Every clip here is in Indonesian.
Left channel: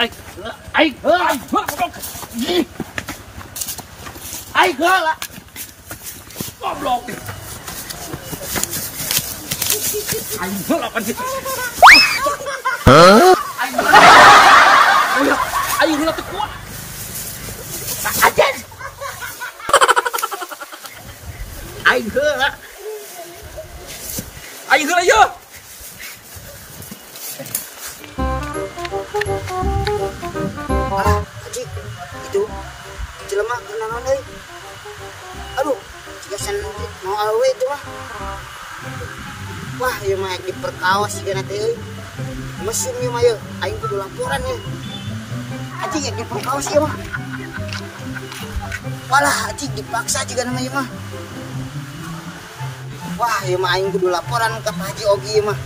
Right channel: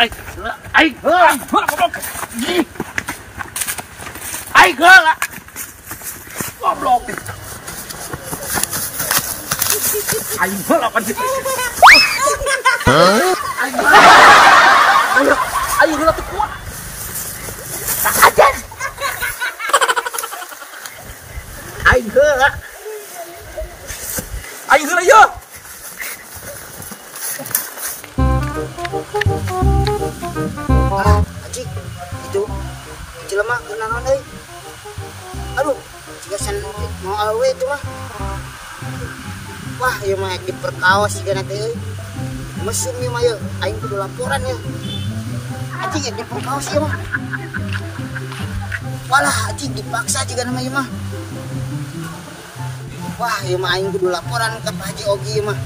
Aing heula goblok. Aing heula. Goblok. Aing heula pan. Aing heula teu kuat. Tak ajan. Aing heula. Aing heula yeuh. Haji, itu jelema kenaon euy. Aduh, jika mau awe itu mah. Wah, ieu mah diperkaos sigana teh euy. Mesum ieu mah yeuh, aing kudu laporan ya. Haji ya diperkaos ieu mah. Walah, haji dipaksa juga nama ieu mah. Wah, ieu mah aing kudu laporan ke Pak Haji Ogi ieu mah.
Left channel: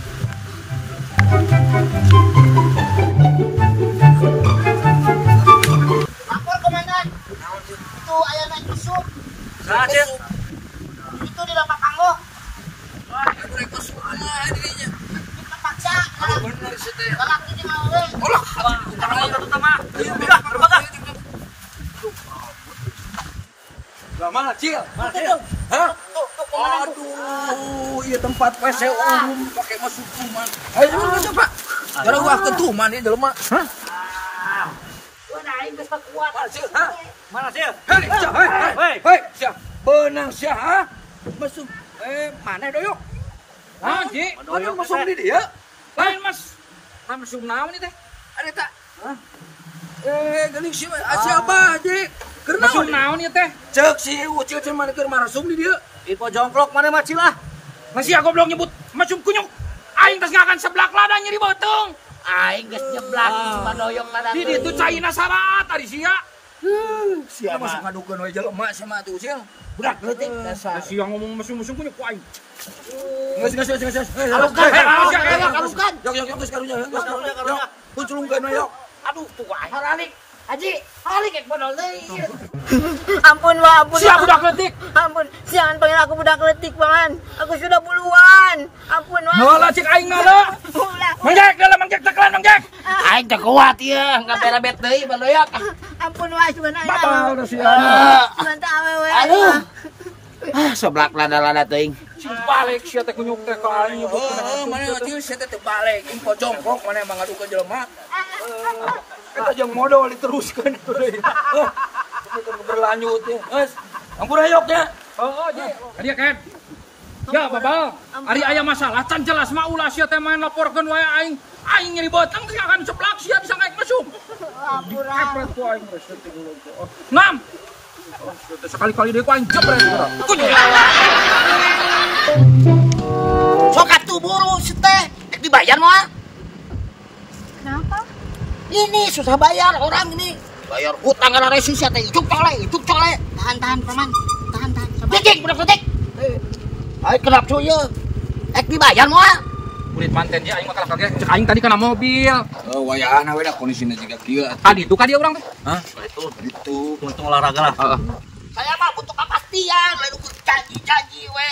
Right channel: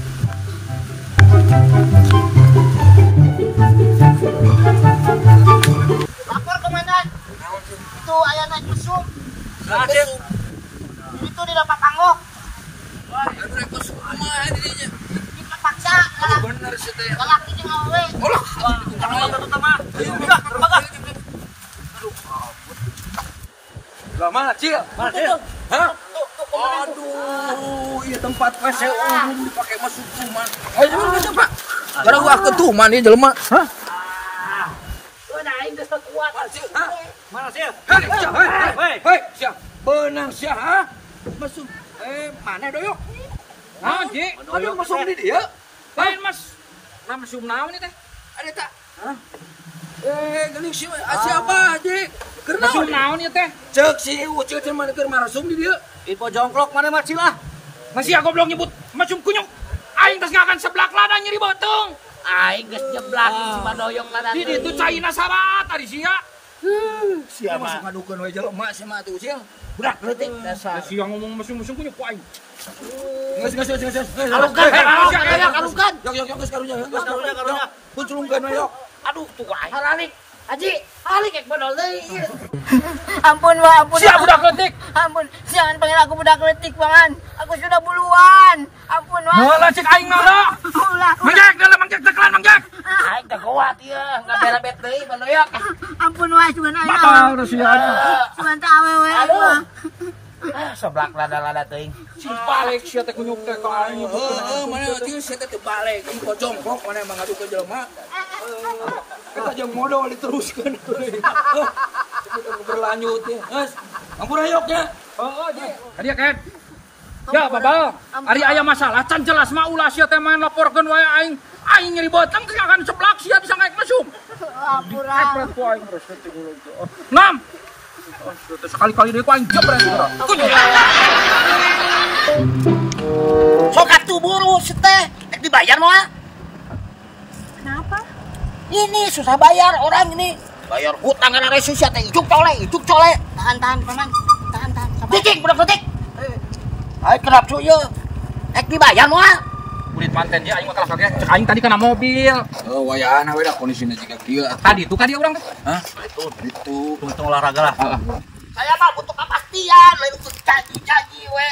Lapor komandan. Itu aya naik mesum. Itu di dapat tanggo. Aduh rek mesum kumaha dirinya. Dipaksa. Aduh bener sih teh. Galak di ngawe. Olah, bukan itu teh mah. Ayo udah berbaga. Lah mana Cil? Mana Cil? Hah? Aduh, iya tempat WC umum dipakai masuk rumah. Ayo coba. Gara gua ketuman ieu jelema. Hah? Udah aing geus kuat. Mana Cil? Hah? Mana sih? Hei, siap. Benang siap, ha? Masuk. Mana doyok? Naon, Ji? Mana masuk di dia? Lain Mas. Nama mesum naon ieu teh? Ada tak? Hah? Geuning si siapa, Ji? Keur Mesum naon ieu teh? Cek si Ucil teh mana keur marasum di dia? Info jongklok mana mah Cil ah. Masih goblok nyebut mesum kunyuk. Aing tos ngakan seblak ladang nyeri beuteung. Aing geus nyeblak si Madoyong ladang. Di ditu caina sarat tadi sia. Siapa masuk ngadukeun we jelema sama tuh Ucil. Budak leutik dasar. Sia ngomong mesum-mesum kunyuk ku aing. Geus. Kalukan. Yok geus karunya. Punculungkeun we yok. Aduh, tuh aing. Halalik. Haji, halalik ek bodol deui. Ampun, Bang, ampun. Sia budak leutik. Ampun, jangan panggil aku budak letik, Pangan. Aku sudah puluhan. Ampun, Bang. Nola cek aing nola. Manggek dalam manggek tekelan manggek. Aing teh kuat ieu, enggak berebet deui, Bang Doyok. Ampun, wae sugan aing. Batal da sia. Sugan teh awewe aing. Seblak lada-lada teuing. Balik sia teh kunyuk teh ka aing nyebut. Mana ieu sia teh balik info jongkok mana emang ngadukeun jelema. Kita jeung modal diteruskeun euy. Berlanjut ya. Geus. Ampun ayoknya. Oh, Ji. Kadia Ken. Ya, Babal. Ari aya masalah can jelas mah ulah sia teh main laporkeun wae aing. Aing nyeri beuteung teh akan seblak sia bisa ngaek mesum. Ampura. Epret ku aing resep teh gulung teh. Ngam. Oh, teh sekali-kali deui ku aing jebret geura. Sok atuh buru teh. Ek dibayar moal. Kenapa? Ini susah bayar orang ini. Bayar hutang kana resus ya teh. Icuk cole. Tahan, Paman. Tahan. Sabar. Cicing, budak letik. Ayo kenapa cuy ya? Ek dibayar moal. Kulit manten dia aing mah kalah kagak. Cek aing tadi kana mobil. Oh, wayahna we da kondisina jiga kieu. Tadi tuh ka dia urang teh. Hah? Itu untung olahraga lah. Heeh. Saya mah butuh kepastian, lain ku janji we.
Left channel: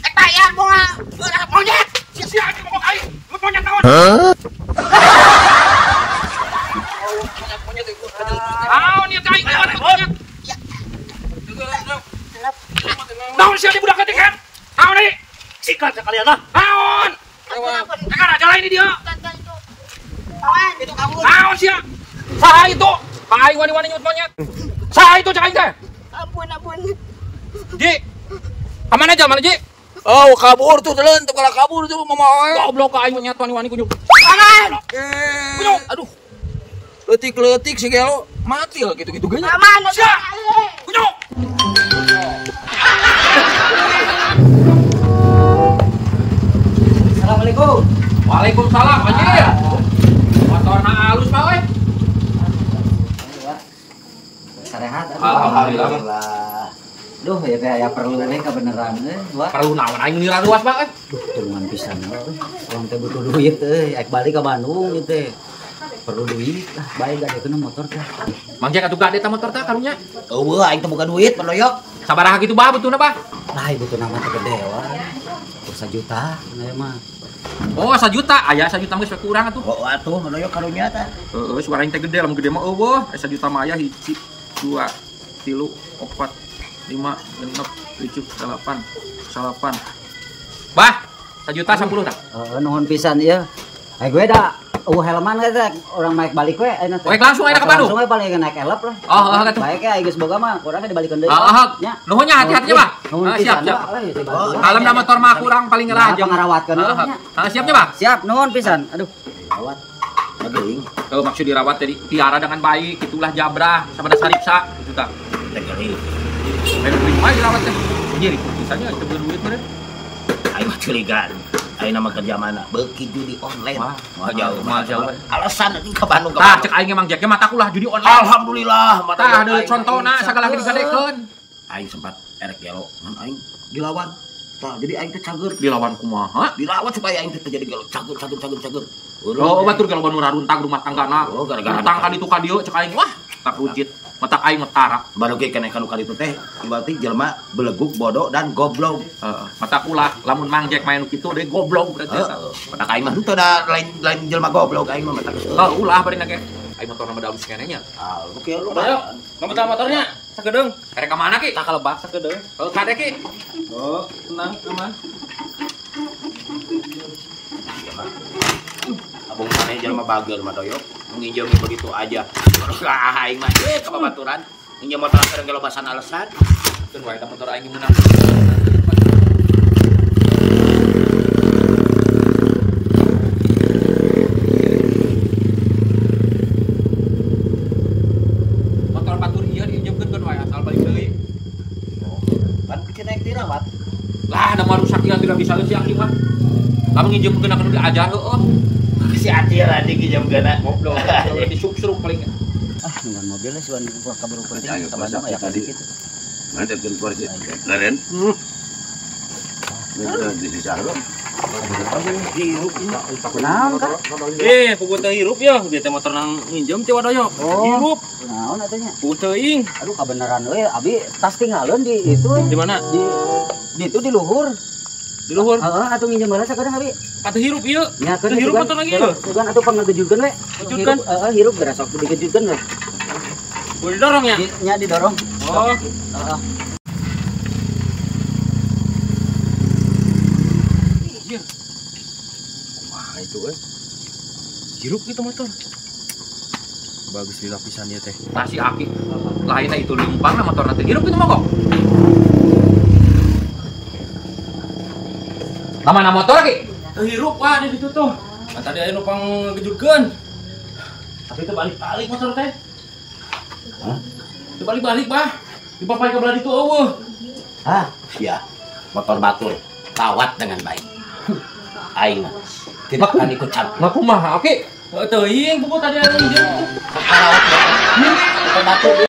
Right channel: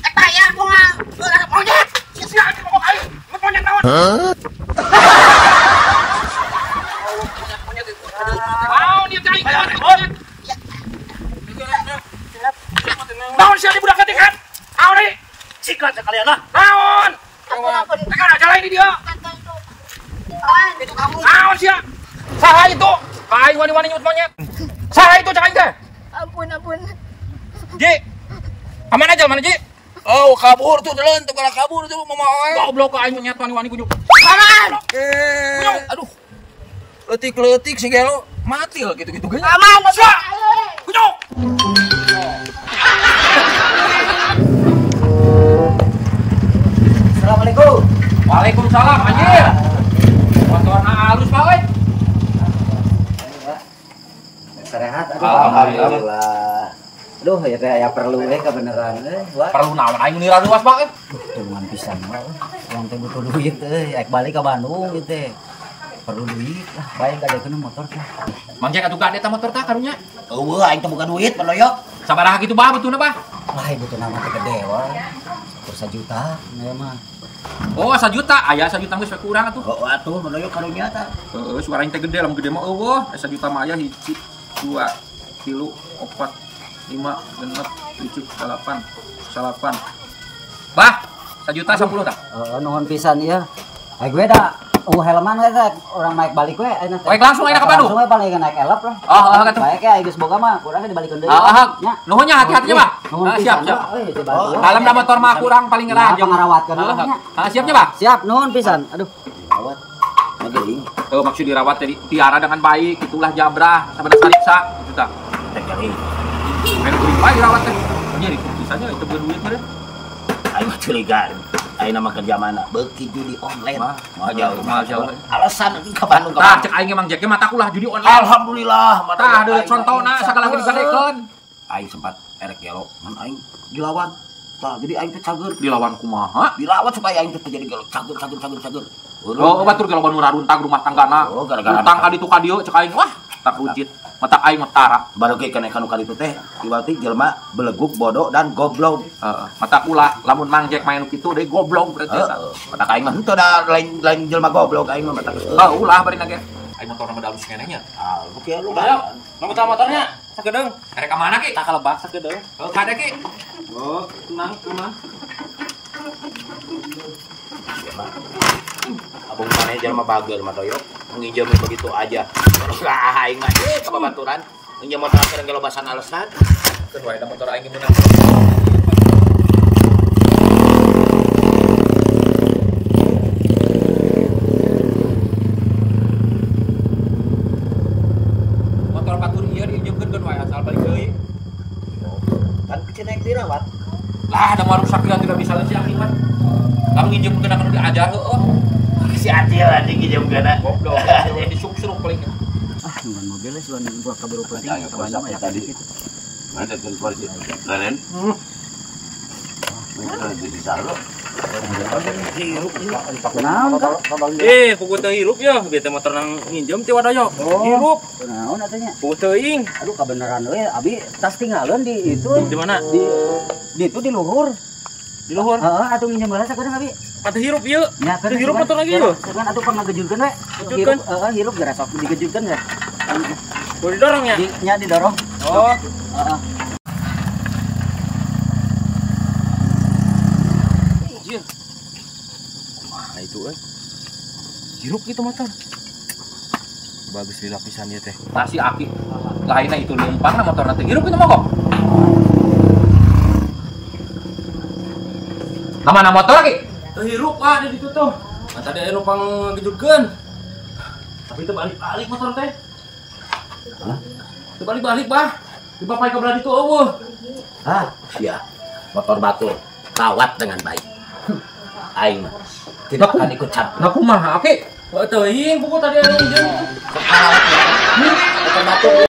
Ek bayar moal. Monyet. Sia di ngomong aing. Monyet naon? Naon ieu aing monyet. Naon sia di budak letik kan? Naon ieu? Sikat sekalian lah. Naon? Ampun. Tekan aja lain di dia. Itu kamu. Naon sia? Saha itu? Ka aing wani-wani nyebut monyet. Saha itu cek aing teh? Ampun. Ji. Aman aja mana Ji? Oh, kabur tuh telan tuh kalau kabur tuh mama. Goblok ka aing monyet wani-wani kunyuk. Aman. Kunyuk. Aduh. Letik si gelo mati lah gitu-gitu geunya. Aman. Sia. Kunyuk. Assalamualaikum. Waalaikumsalam, anjir. Motorna halus bae. Sehat. Alhamdulillah. Aduh, ya teh aya perlu we kebenaran Wah. Perlu naon aing nira luas bae. Tuluman pisan we. Urang teh butuh duit ek balik ka Bandung ieu teh. Perlu duit lah, bae gadekeun motor teh. Mangja atuh gade ta motor tah karunya. Eueuh aing teh bukan duit, Pak Doyok. Sabaraha kitu bah beutuna bah? Lah ibu teh nama teh gede wae. 1 juta, ya mah. Oh, 1 juta. Aya 1 juta geus we kurang atuh. Oh, atuh manoyo karunya tah. Heeh, suara teh gede, lamun gede mah eueuh. 1 juta mah aya 1, 2, 3, 4, 5, 6, 7, 8, 9. Bah, 1 juta 10 tah. Nuhun pisan ieu. Gue dah helman we teh urang maek balik we ayeuna teh. Oke, langsung ayeuna ka Bandung. Langsung we paling naik elep lah. Atuh. Bae ge geus boga mah urang dibalikeun deui. Nya. Nuhunnya hati-hatinya, Pak. Siap. Kalem da motor mah kurang paling ngerah jeung pangarawatkeun nya. Siapnya, Pak? Siap, nuhun pisan. Aduh. Rawat. Ngeuing. Maksud dirawat tadi tiara dengan baik, itulah jabrah sama saripsa gitu tah. Teh geuing. Main kuring bae dirawat teh. Jadi putusannya itu berduit meureun. Aing mah curigaan. Ayeuna mah kerja mana? Beuki judi online. Mah jauh. Alasan teh ka Bandung Tah cek aing emang jeknya mata kulah judi online. Alhamdulillah. Tah deui contona sagala lagi digadekeun. Aing sempat erek gelo ngan aing dilawan. Tah jadi aing teh cager. Dilawan kumaha? Dirawat supaya aing teh terjadi gelo cager. Oh, batur kalau banu raruntang rumah tanggana. Oh, gara-gara utang ka ditu ka dieu cek aing wah tak rujit. Mata aing metara. Baru ge kenaikan nu kali itu teh ibaratnya jelema beleguk, bodoh dan goblok. Mata ulah lamun Mang Jack main kitu deui goblok berarti eta. Mata aing mah henteu da lain jelema goblok aing mah mata. Ulah bari nage. Aing motor nama daun sikene nya. Oke lu mah. Nomor motornya sakedeung. Erek ka mana ki? Tak kalebak sakedeung. Oh, kade ki. Oh, tenang, aman. Abung maneh jelema bagel mah doyok. Nginjem begitu aja. Baru aing mah ke babaturan. Nginjem motor keur gelobasan alasan. Keun wae da motor aing meunang. Motor batur ieu diinjemkeun keun wae asal balik deui. Kan kita naik dirawat. Lah ada warung sakit yang tidak bisa si Aki mah. Kamu nginjem akan diajar heuh. Si Ati lah nginjem kana. Goblok. Disuk-suruk paling. Nungan mobil lah suan kaburu penting ka Bandung aya tadi gitu. Ada keluar sih. Keren. Di sana. Pugu teu hirup ya, bieu teh motor nang nginjem teh wadoyo. Hirup. Naon atunya? Pugu teuing. Aduh kabeneran euy, abi tas tinggalin di itu. Di mana? Di itu di luhur. Di luhur. Heeh, atuh nginjem balas sakedeung abi. Patu hirup ieu. Nya Teu hirup motor lagi ieu. Bukan atuh pernah ngejutkeun we. Ngejutkeun? Heeh, hirup geura sok digejutkeun we. Boleh didorong ya? Nya didorong. Oh. Heeh. Iya. Mana itu euy? Hirup itu motor. Bagus di lapisan ieu teh. Nasi Aki. Lainnya itu numpang lah motor nanti. Hirup itu mogok. Nama motor lagi? Teu hirup di ditu tuh. Kan tadi aya numpang ngejutkeun. Tapi itu balik-balik motor teh. Hah? Itu balik-balik, Bah. Dipapai ke belah ditu eueuh. Sia. Motor batur rawat dengan baik. Aing mah tidak akan ikut campur. Nah kumaha Aki? Teuing buku tadi aya